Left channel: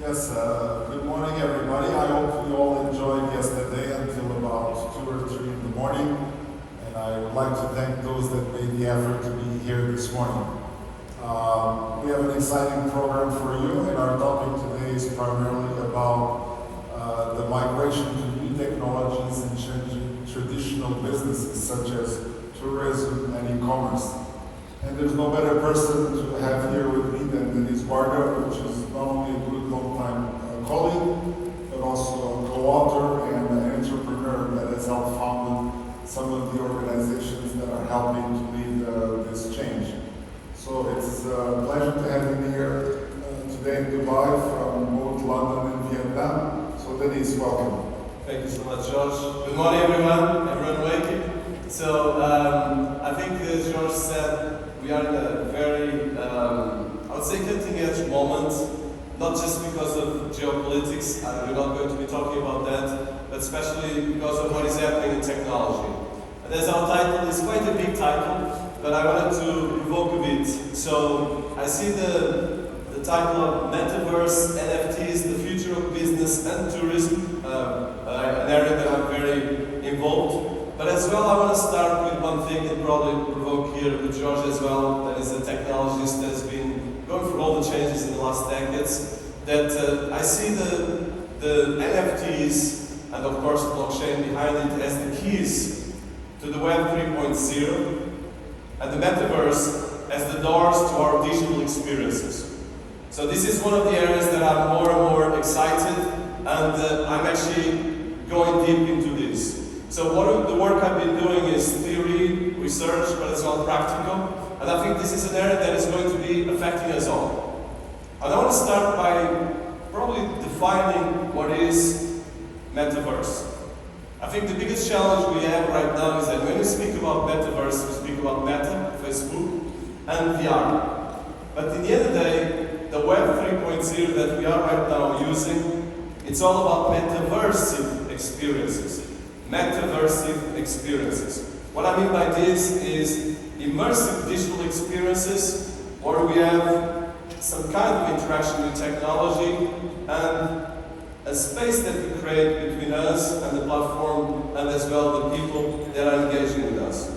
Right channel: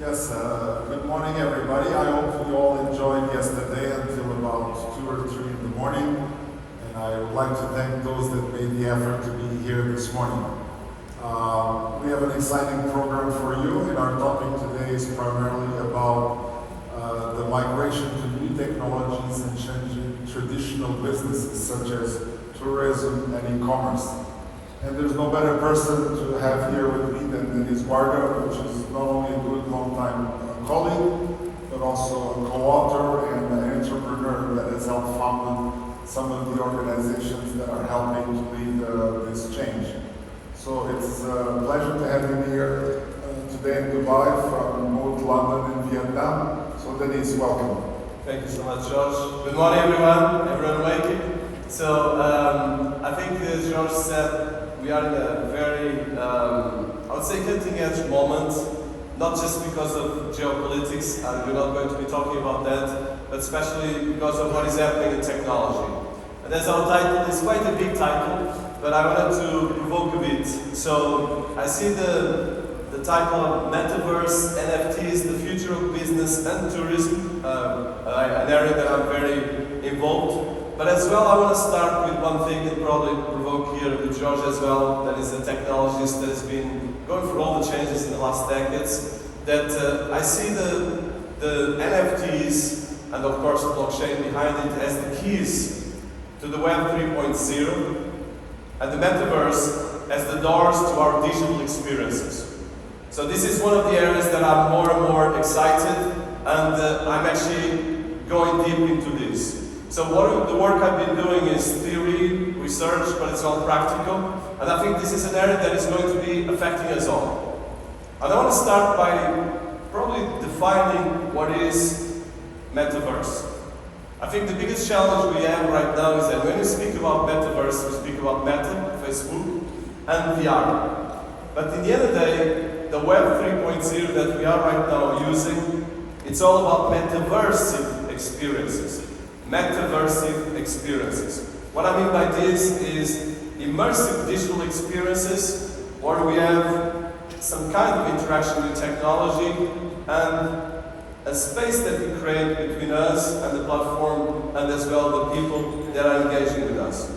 Yes, good morning everybody. I hope you all enjoyed yesterday until about 2 or 3 in the morning. And I would like to thank those that made the effort to be here this morning. We have an exciting program for you, and our topic today is primarily about the migration to new technologies and changing traditional businesses such as tourism and e-commerce. And there's no better person to have here with me than Denise Varga, which is not only a good long-time colleague, but also a co-author and an entrepreneur that has helped found some of the organizations that are helping to lead this change. So it's a pleasure to have you here today in Dubai from both London and Vietnam. So Denise, welcome. Thank you so much, George. Good morning, everyone waking. So I think, as George said, we are in a very, I would say, cutting-edge moment, not just because of geopolitics, and we're not going to be talking about that, but especially because of what is happening in technology. And as our title is quite a big title, but I wanted to provoke a bit. So I see the title of Metaverse, NFTs, the future of business and tourism, an area that I'm very involved. But as well, I want to start with one thing and probably provoke here with George as well, that is a technologist that has been going through all the changes in the last decades, that I see the NFTs and of course blockchain behind it as the keys to the Web 3.0 and the Metaverse as the doors to our digital experiences. So this is one of the areas that I'm more and more excited, and I'm actually going deep into this. So the work I've been doing is theory, research, but it's all practical. And I think this is an area that is going to be affecting us all. And I want to start by probably defining what is Metaverse. I think the biggest challenge we have right now is that when we speak about Metaverse, we speak about Meta, Facebook, and VR. But in the end of the day, the Web 3.0 that we are right now using, it's all about metaversive experiences. Metaversive experiences. What I mean by this is immersive digital experiences where we have some kind of interaction with technology and a space that we create between us and the platform and as well the people that are engaging with us.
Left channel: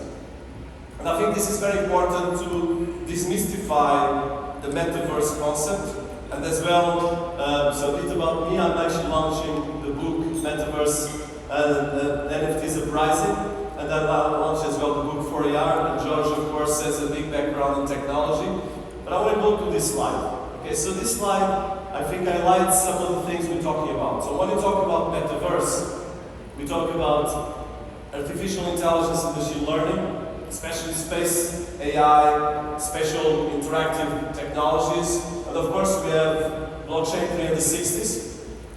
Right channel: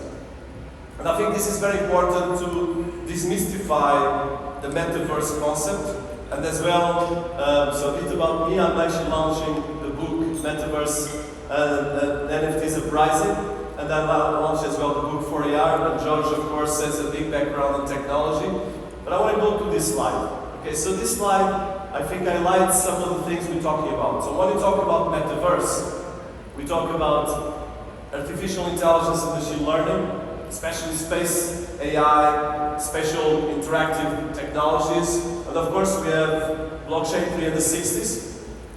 And I think this is very important to demystify the Metaverse concept. And as well, so a bit about me, I'm actually launching the book Metaverse NFTs Uprising, and I launched as well the book for AR, and George of course has a big background in technology. But I want to go to this slide. Okay, so this slide, I think highlights some of the things we're talking about. So when we talk about Metaverse, we talk about artificial intelligence and machine learning, especially space, AI, spatial interactive technologies, and of course we have blockchain 360s.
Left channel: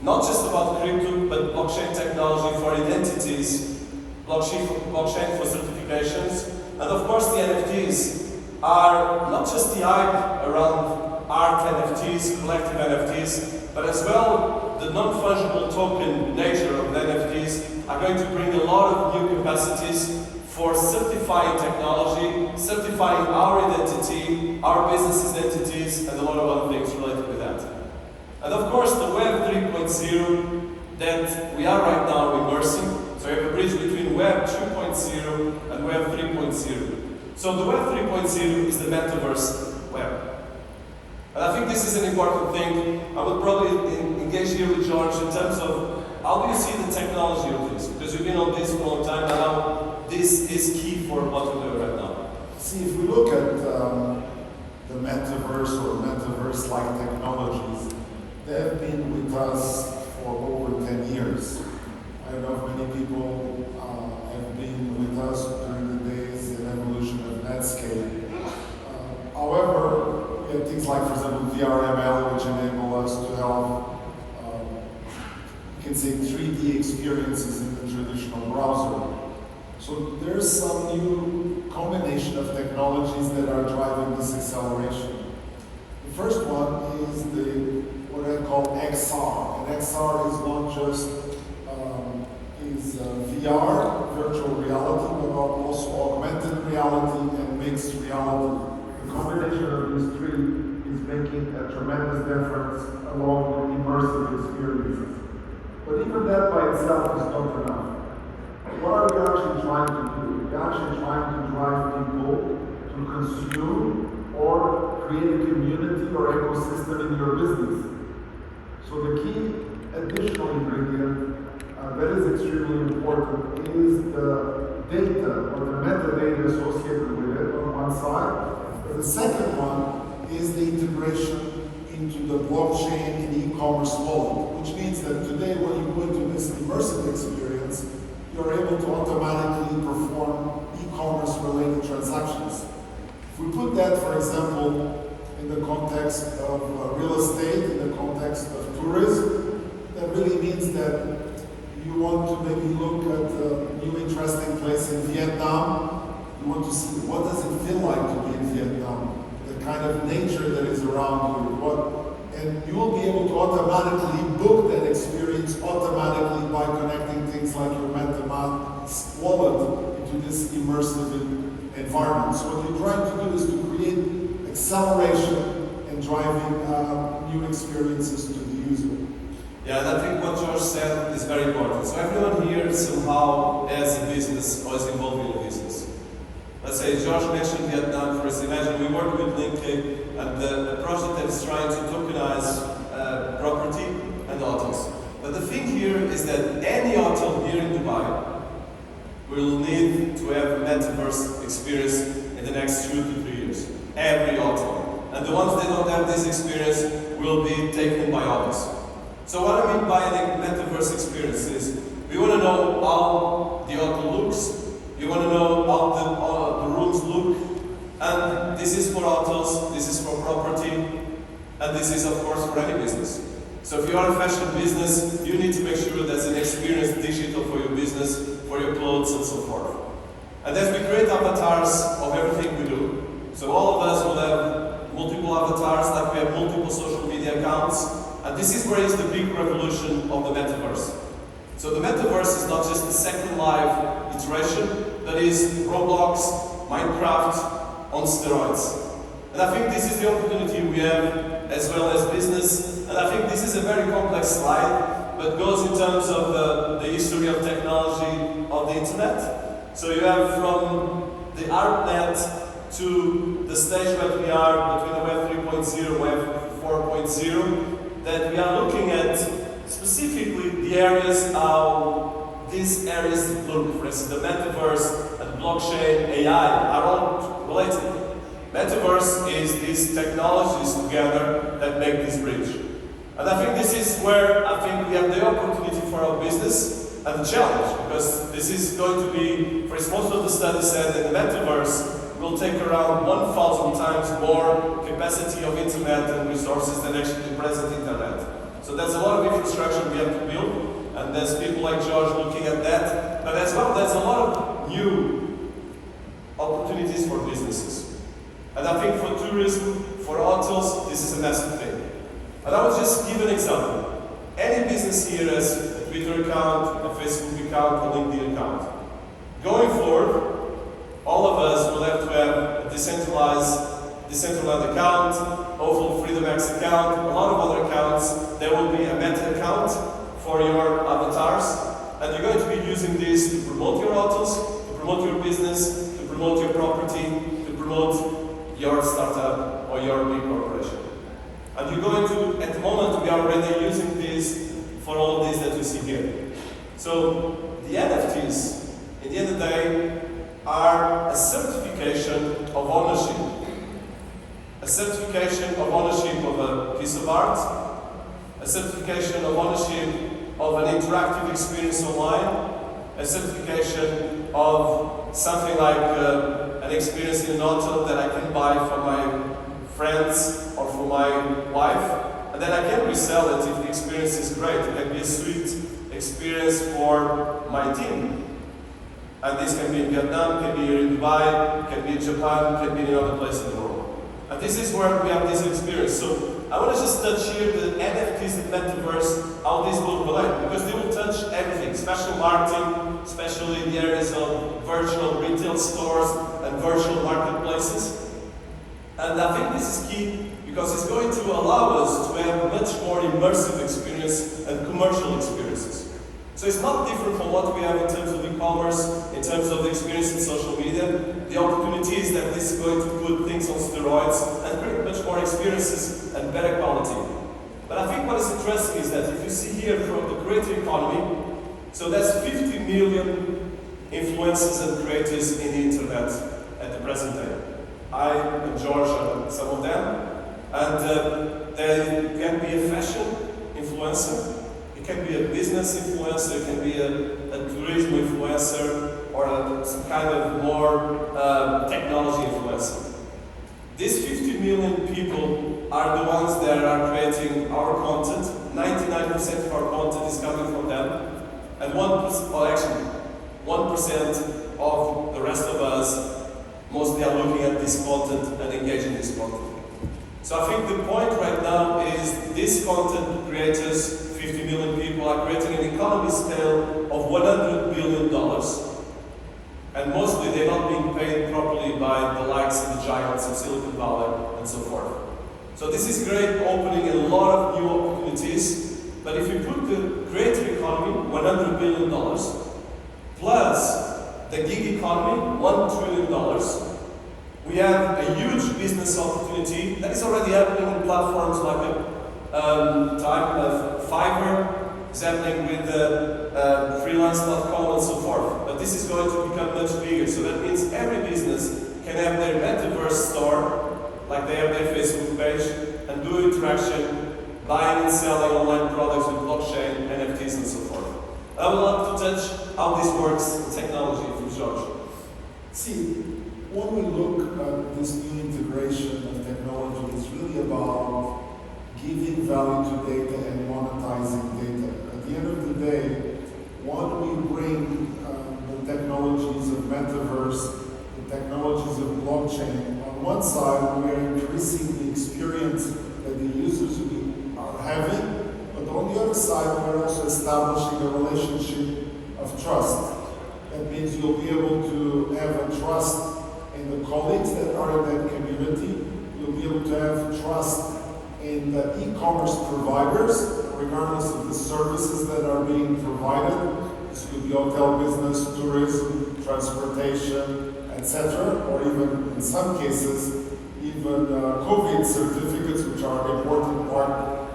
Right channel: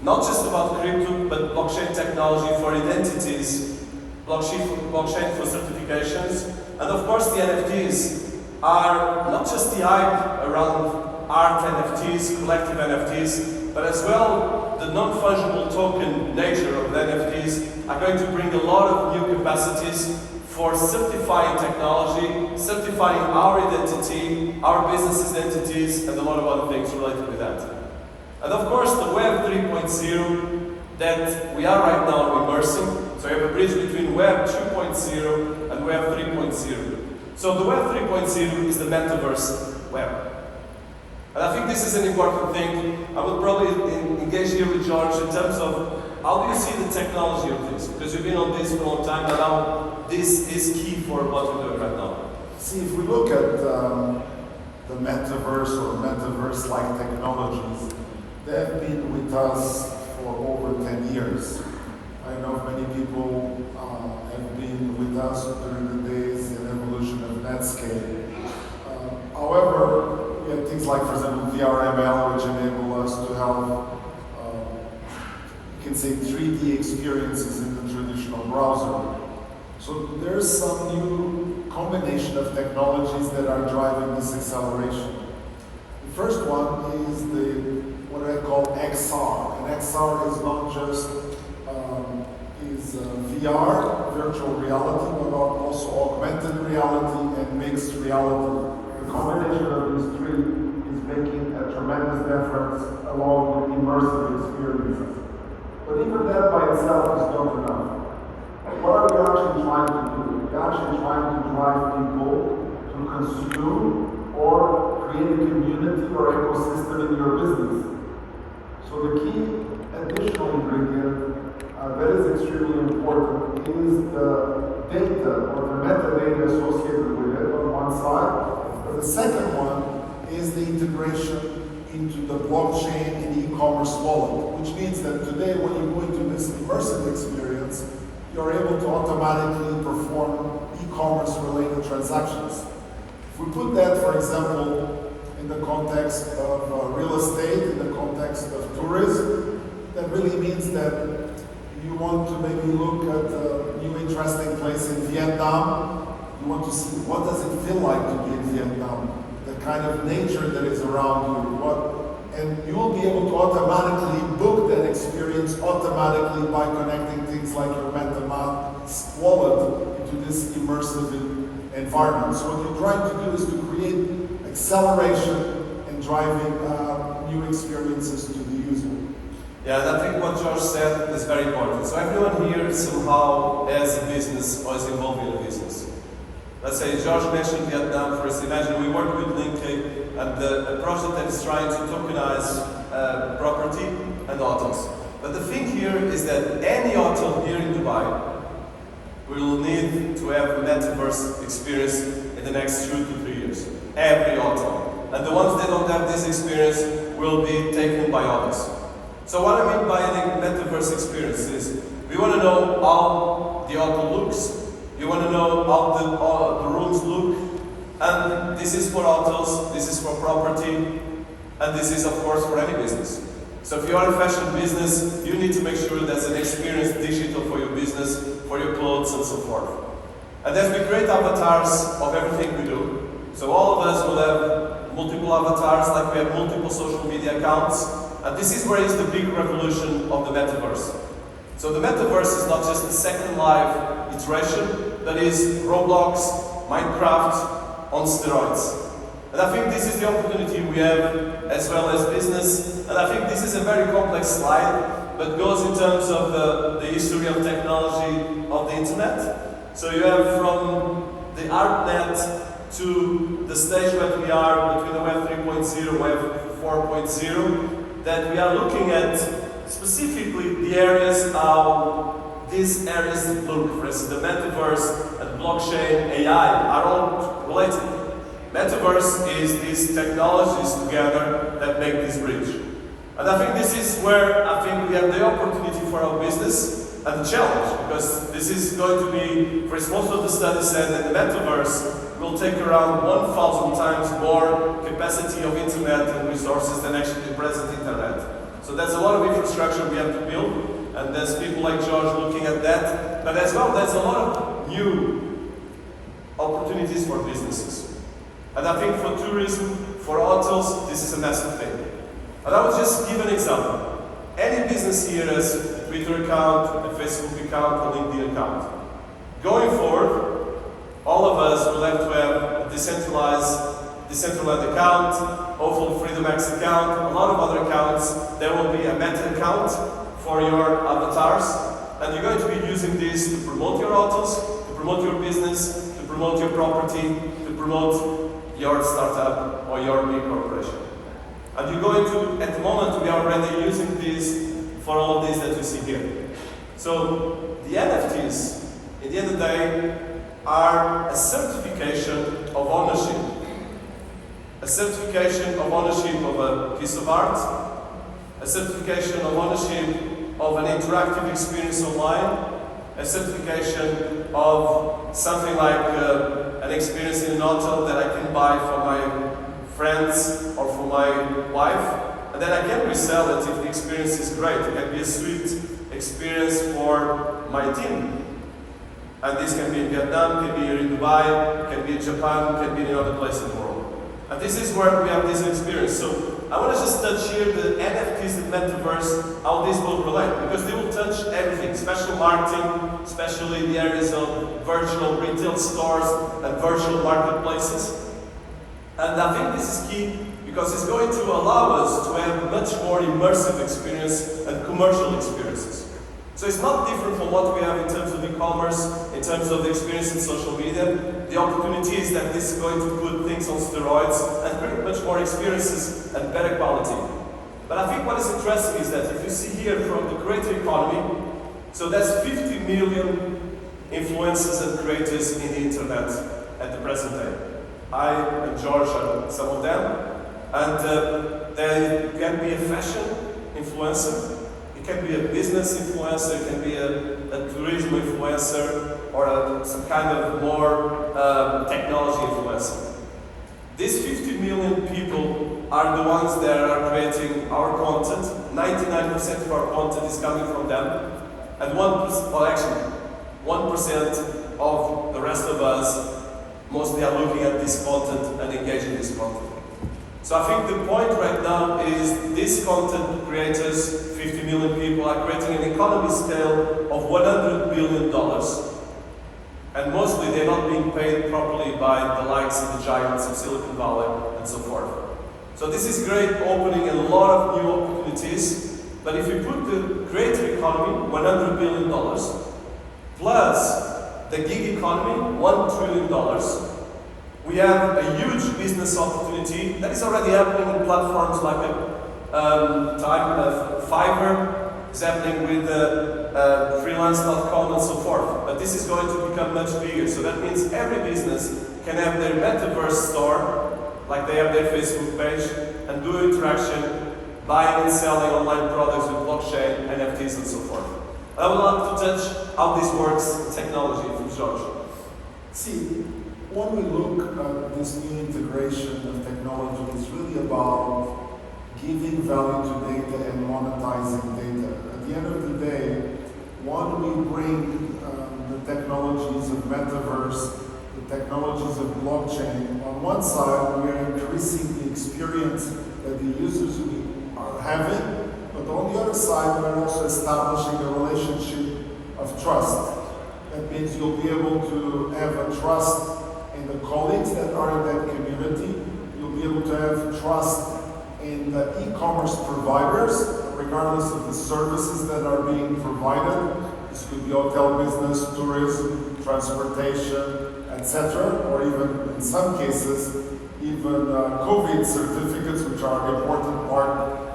Not just about crypto, but blockchain technology for identities, blockchain for certifications, and of course the NFTs are not just the hype around art NFTs, collective NFTs, but as well the non-fungible token nature of the NFTs are going to bring a lot of new capacities for certifying technology, certifying our identity, our business identities, and a lot of other things related with that. And of course, the Web 3.0 that we are right now immersing, so we have a bridge between Web 2.0 and Web 3.0. So the Web 3.0 is the Metaverse web. And I think this is an important thing. I would probably engage here with George in terms of how do you see the technology of this? Because you've been on this for a long time, and now this is key for what we're doing right now. See, if we look at the Metaverse or Metaverse-like technologies, they have been with us for over 10 years. I know many people have been with us during the days and evolution of Netscape. However, we have things like, for example, VRML, which enable us to have, you can say, 3D experiences in the traditional browser. So there's some new combination of technologies that are driving this acceleration. The first one is what I call XR. And XR is not just VR, virtual reality, but also augmented reality and mixed reality. The combination of these three is making a tremendous difference along with immersive experiences. But even that by itself is not enough. What are we actually trying to do? We're actually trying to drive people to consume or create a community or ecosystem in your business. So the key additional ingredient that is extremely important is the data or the metadata associated with it on one side. But the second one is the integration into the blockchain and e-commerce wallet, which means that today when you go into this immersive experience, you're able to automatically perform e-commerce related transactions. If we put that, for example, in the context of real estate, in the context of tourism, that really means that you want to maybe look at a new interesting place in Vietnam. You want to see what does it feel like to be in Vietnam, the kind of nature that is around you, and you will be able to automatically book that experience automatically by connecting things like your MetaMask wallet into this immersive environment. So what you're trying to do is to create acceleration and driving new experiences to the user. Yeah, and I think what George said is very important. So everyone here somehow has a business or is involved in a business. Let's say George mentioned Vietnam first. Imagine we work with Linky and the project that is trying to tokenize property and hotels. But the thing here is that any hotel here in Dubai will need to have a Metaverse experience in the next 2 to 3 years. Every hotel. And the ones that don't have this experience will be taken by others. So what I mean by a Metaverse experience is we want to know how the hotel looks. You want to know how the rooms look, and this is for hotels, this is for property, and this is of course for any business. So if you are a fashion business, you need to make sure there's an experience digital for your business, for your clothes and so forth. And then we create avatars of everything we do. So all of us will have multiple avatars, like we have multiple social media accounts, and this is where is the big revolution of the Metaverse. So the Metaverse is not just the second live iteration, that is Roblox, Minecraft on steroids. And I think this is the opportunity we have as well as business. And I think this is a very complex slide, but goes in terms of the history of technology of the internet. So you have from the ARPANET to the stage where we are between the Web 3.0 Web 4.0, that we are looking at specifically the areas how these areas look. For instance, the Metaverse and blockchain, AI are all related. Metaverse is these technologies together that make this bridge. And I think this is where I think we have the opportunity for our business and the challenge, because this is going to be, for instance, most of the studies said that the Metaverse will take around 1,000 times more capacity of internet and resources than actually the present internet. So there's a lot of infrastructure we have to build, and there's people like George looking at that, but as well there's a lot of new opportunities for businesses. And I think for tourism, for hotels, this is a massive thing. And I will just give an example. Any business here has a Twitter account, a Facebook account, a LinkedIn account. Going forward, all of us will have to have a decentralized account, hopefully FreedomX account, a lot of other accounts. There will be a meta account for your avatars, and you're going to be using this to promote your hotels, to promote your business, to promote your property, to promote your startup or your big corporation. And you're going to, at the moment, we are already using this for all of these that you see here. So the NFTs, at the end of the day, are a certification of ownership. A certification of ownership of a piece of art, a certification of ownership of an interactive experience online, a certification of something like an experience in an hotel that I can buy for my friends or for my wife, and then I can resell it if the experience is great. It can be a sweet experience for my team. And this can be in Vietnam, can be here in Dubai, can be in Japan, can be in another place in the world. And this is where we have this experience. So I want to just touch here the NFTs and Metaverse, how this will relate, because they will touch everything, especially marketing, especially the areas of virtual retail stores and virtual marketplaces. And I think this is key because it's going to allow us to have much more immersive experience and commercial experiences. So it's not different from what we have in terms of e-commerce, in terms of the experience in social media. The opportunity is that this is going to put things on steroids and create much more experiences and better quality. But I think what is interesting is that if you see here from the creator economy, so that's 50 million influencers and creators in the internet at the present day. I and George are some of them, and they can be a fashion influencer, it can be a business influencer, it can be a tourism influencer, or some kind of more technology influencer. These 50 million people are the ones that are creating our content. 99% of our content is coming from them, and 1%, well actually, 1% of the rest of us mostly are looking at this content and engaging this content. So I think the point right now is these content creators, 50 million people, are creating an economy scale of $100 billion. And mostly they're not being paid properly by the likes of the giants of Silicon Valley and so forth. So this is great, opening a lot of new opportunities. But if you put the creator economy, $100 billion, plus the gig economy, $1 trillion, we have a huge business opportunity that is already happening in platforms like Fiverr, is happening with freelance.com and so forth. But this is going to become much bigger. So that means every business can have their Metaverse store, like they have their Facebook page, and do interaction, buying and selling online products with blockchain, NFTs and so forth. I would love to touch how this works in technology from George. See, when we look at this new integration of technology, it's really about giving value to data and monetizing data. At the end of the day, when we bring the technologies of Metaverse, the technologies of blockchain, on one side we are increasing the experience that the users are having, but on the other side we're also establishing a relationship of trust. That means you'll be able to have a trust in the colleagues that are in that community. You'll be able to have trust in the e-commerce providers, regardless of the services that are being provided. This could be hotel business, tourism, transportation, etc. Or even, in some cases, even COVID certificates, which are an important part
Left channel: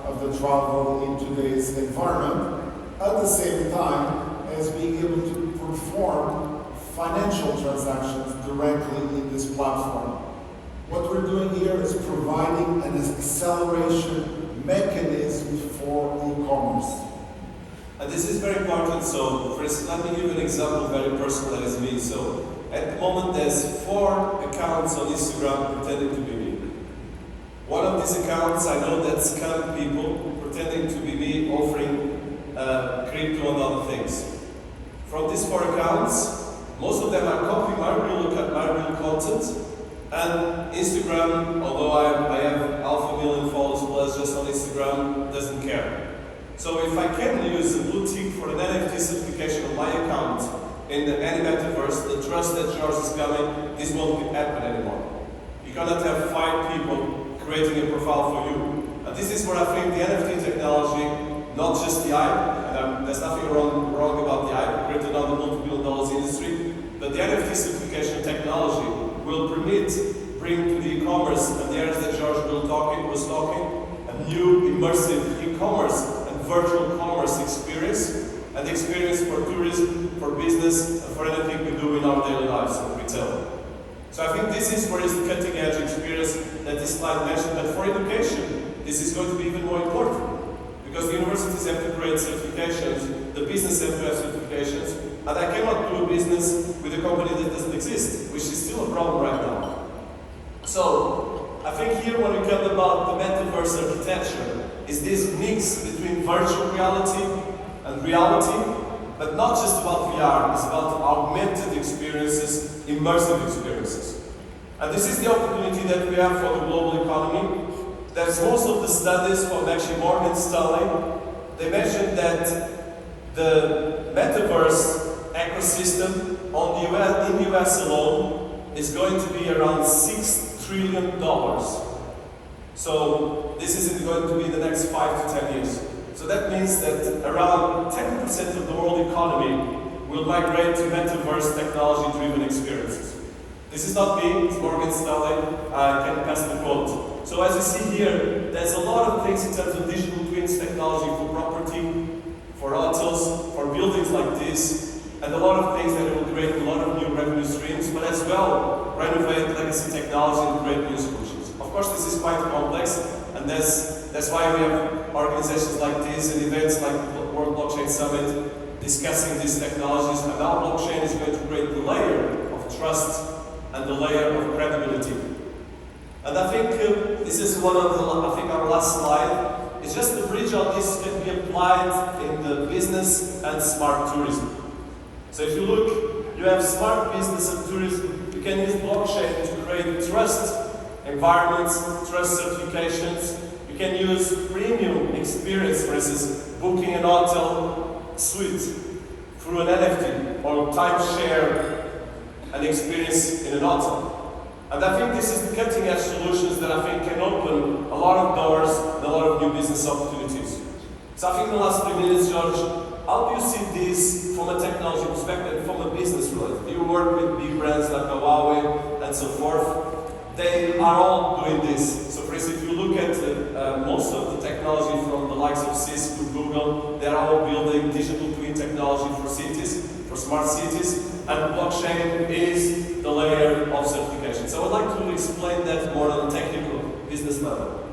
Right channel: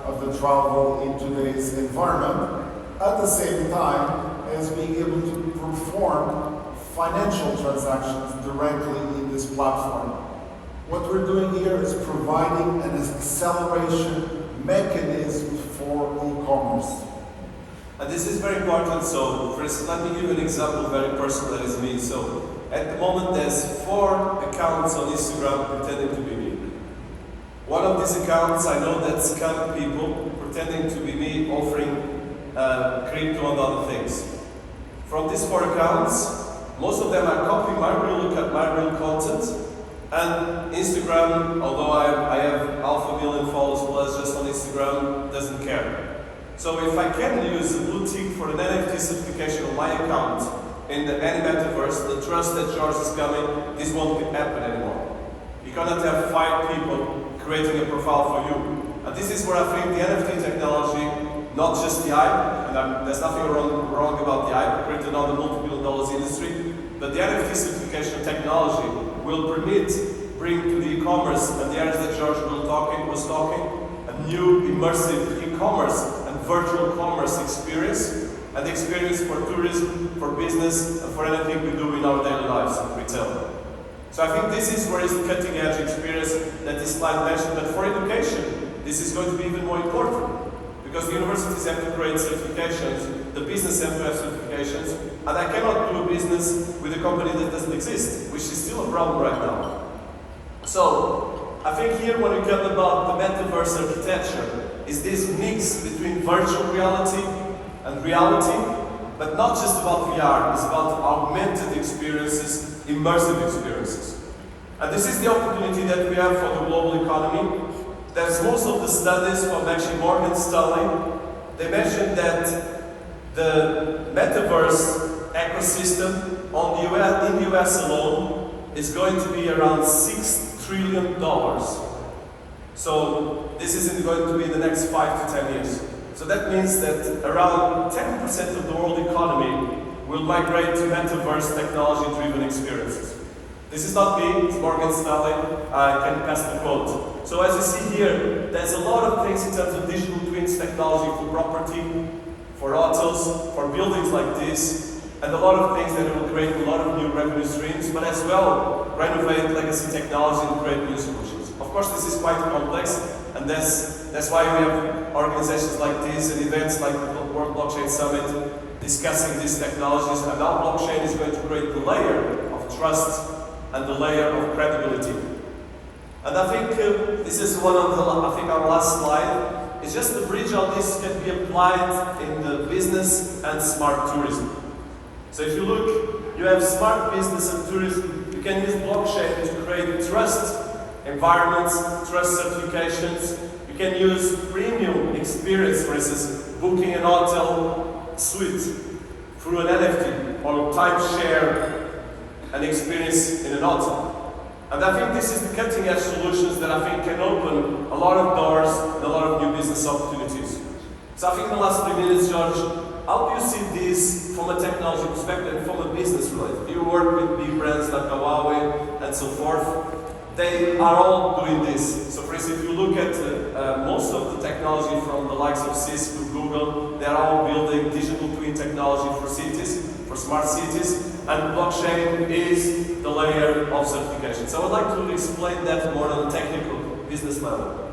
of the travel in today's environment. At the same time, as being able to perform financial transactions directly in this platform. What we're doing here is providing an acceleration mechanism for e-commerce. And this is very important. So, for instance, let me give you an example, very personal, that is me. So, at the moment, there's 4 accounts on Instagram pretending to be me. One of these accounts, I know that's scam people pretending to be me, offering crypto and other things. From these 4 accounts, most of them are copying my real content, and Instagram, although I have 500,000 followers plus just on Instagram, doesn't care. So if I can use a blue tick for an NFT certification on my account in any metaverse, the trust that George is coming, this won't happen anymore. You cannot have 5 people creating a profile for you. And this is where I think the NFT technology, not just the hype, and there's nothing wrong about the hype created on the multi-billion-dollar industry, but the NFT certification technology will bring to the e-commerce and the areas that George was talking, a new immersive e-commerce and virtual commerce experience, and the experience for tourism, for business, and for anything we do in our daily lives in retail. So I think this is where is the cutting edge experience that this slide mentioned, but for education, this is going to be even more important. Because the universities have to create certifications, the business have to have certifications, and I cannot do a business with a company that doesn't exist, which is still a problem right now. So, I think here when we come about the metaverse architecture, is this mix between virtual reality and reality, but not just about VR, it's about augmented experiences, immersive experiences. And this is the opportunity that we have for the global economy. There's most of the studies from actually Morgan Stanley. They mentioned that the metaverse ecosystem in the US alone is going to be around $6 trillion. So this isn't going to be in the next 5 to 10 years. So that means that around 10% of the world economy will migrate to Metaverse technology-driven experiences. This is not me, it's Morgan Stanley. I can pass the quote. So as you see here, there's a lot of things in terms of digital twins technology for property, for hotels, for buildings like this, and a lot of things that will create a lot of new revenue streams, but as well renovate legacy technology and create new solutions. Of course, this is quite complex, and that's why we have organizations like this and events like the World Blockchain Summit discussing these technologies, and our blockchain is going to create the layer of trust and the layer of credibility. And I think this is one of our last slide. It's just the bridge on this can be applied in the business and smart tourism. So if you look, you have smart business and tourism. You can use blockchain to create trust environments, trust certifications. You can use premium experience, for instance, booking an hotel suite through an NFT or timeshare an experience in an hotel. And I think this is the cutting edge solutions that I think can open a lot of doors and a lot of new business opportunities. So I think in the last 3 minutes, George, how do you see this from a technology perspective and from a business related? You work with big brands like Huawei and so forth. They are all doing this. So for instance, if you look at most of the technology from the likes of Cisco, Google, they're all building digital twin technology for cities, for smart cities, and blockchain is the layer of certification. So I would like to explain that more on a technical business level.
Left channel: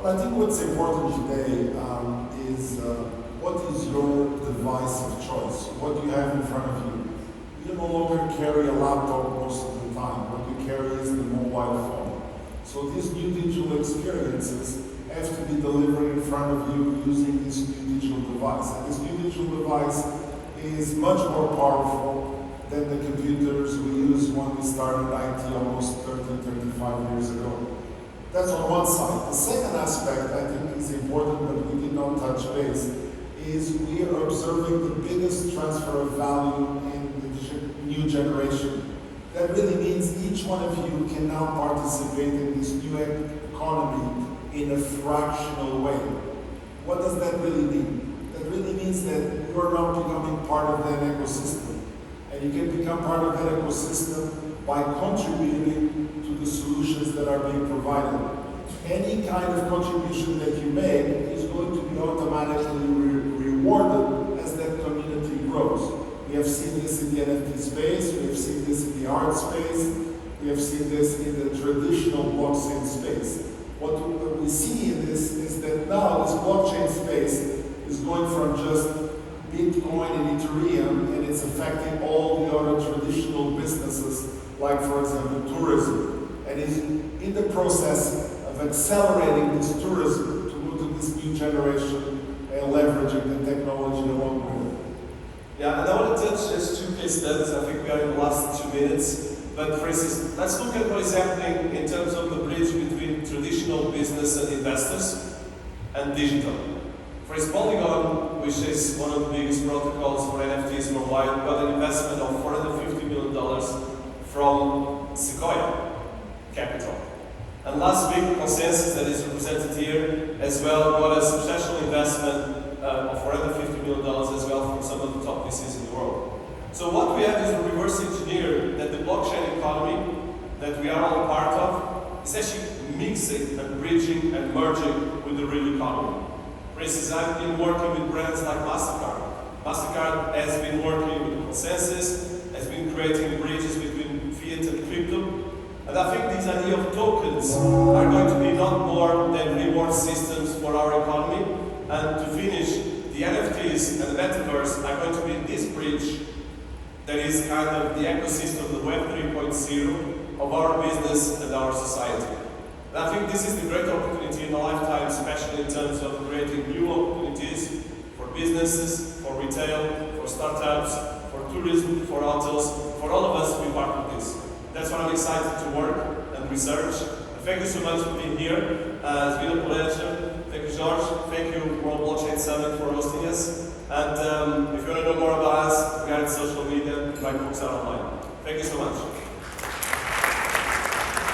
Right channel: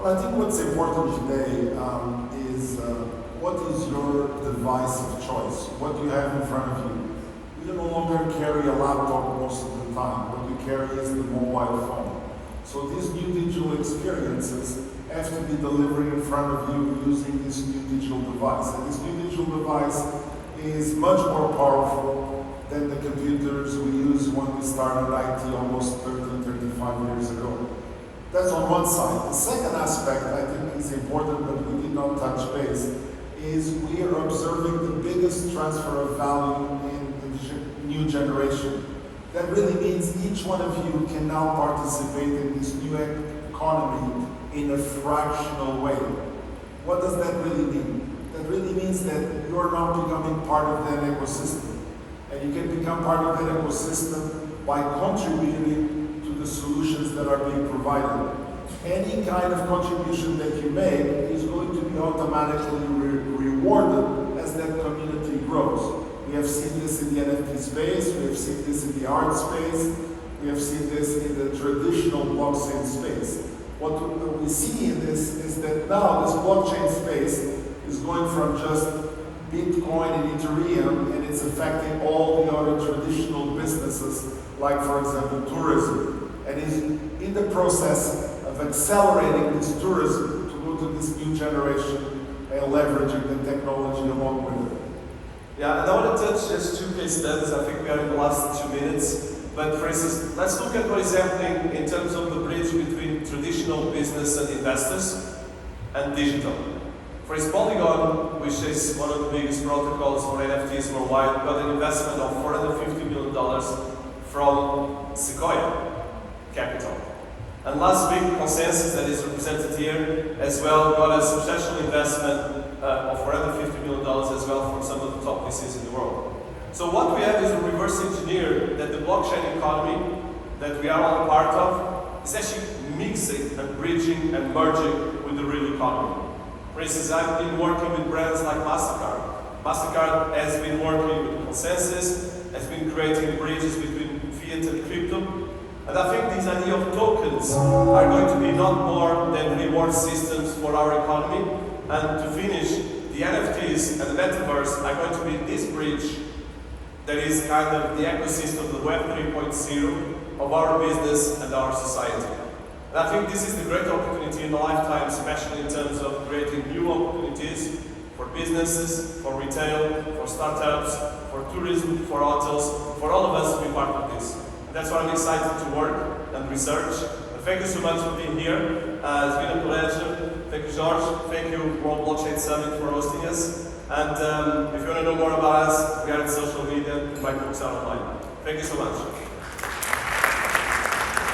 Well, I think what's important today is what is your device of choice? What do you have in front of you? You no longer carry a laptop most of the time. What you carry is the mobile phone. So these new digital experiences have to be delivered in front of you using this new digital device. And this new digital device is much more powerful than the computers we used when we started IT almost 30, 35 years ago. That's on one side. The second aspect I think is important, but we did not touch base, is we are observing the biggest transfer of value in the new generation. That really means each one of you can now participate in this new economy in a fractional way. What does that really mean? That really means that you are now becoming part of that ecosystem. And you can become part of that ecosystem by contributing to the solutions that are being provided. Any kind of contribution that you make is going to be automatically rewarded as that community grows. We have seen this in the NFT space, we have seen this in the art space, we have seen this in the traditional blockchain space. What we see in this is that now this blockchain space is going from just Bitcoin and Ethereum, and it's affecting all the other traditional businesses, like for example tourism, and is in the process of accelerating this tourism to move to this new generation and leveraging the technology along with it. Yeah, and I want to touch as two case studies. I think we are in the last 2 minutes. But for instance, let's look at what is happening in terms of the bridge between traditional business and investors and digital. For instance, Polygon, which is one of the biggest protocols for NFTs worldwide, got an investment of $450 million from Sequoia Capital. And last week, Consensus, that is represented here, as well, got a substantial investment of $450 million as well from some of the top VCs in the world. So what we have is a reverse engineer that the blockchain economy that we are all part of is actually mixing and bridging and merging with the real economy. For instance, I've been working with brands like MasterCard. MasterCard has been working with Consensus, has been creating bridges between fiat and crypto. And I think this idea of tokens are going to be not more than reward systems for our economy. And to finish, the NFTs and the Metaverse are going to be this bridge that is kind of the ecosystem of the Web 3.0 of our business and our society. And I think this is the great opportunity in a lifetime, especially in terms of creating new opportunities for businesses, for retail, for startups, for tourism, for hotels, for all of us to be part of this. That's why I'm excited to work and research. Thank you so much for being here. It's been a pleasure. Thank you, George. Thank you, World Blockchain Summit, for hosting us. And if you want to know more about us, we are on social media. My books are online. Thank you so much.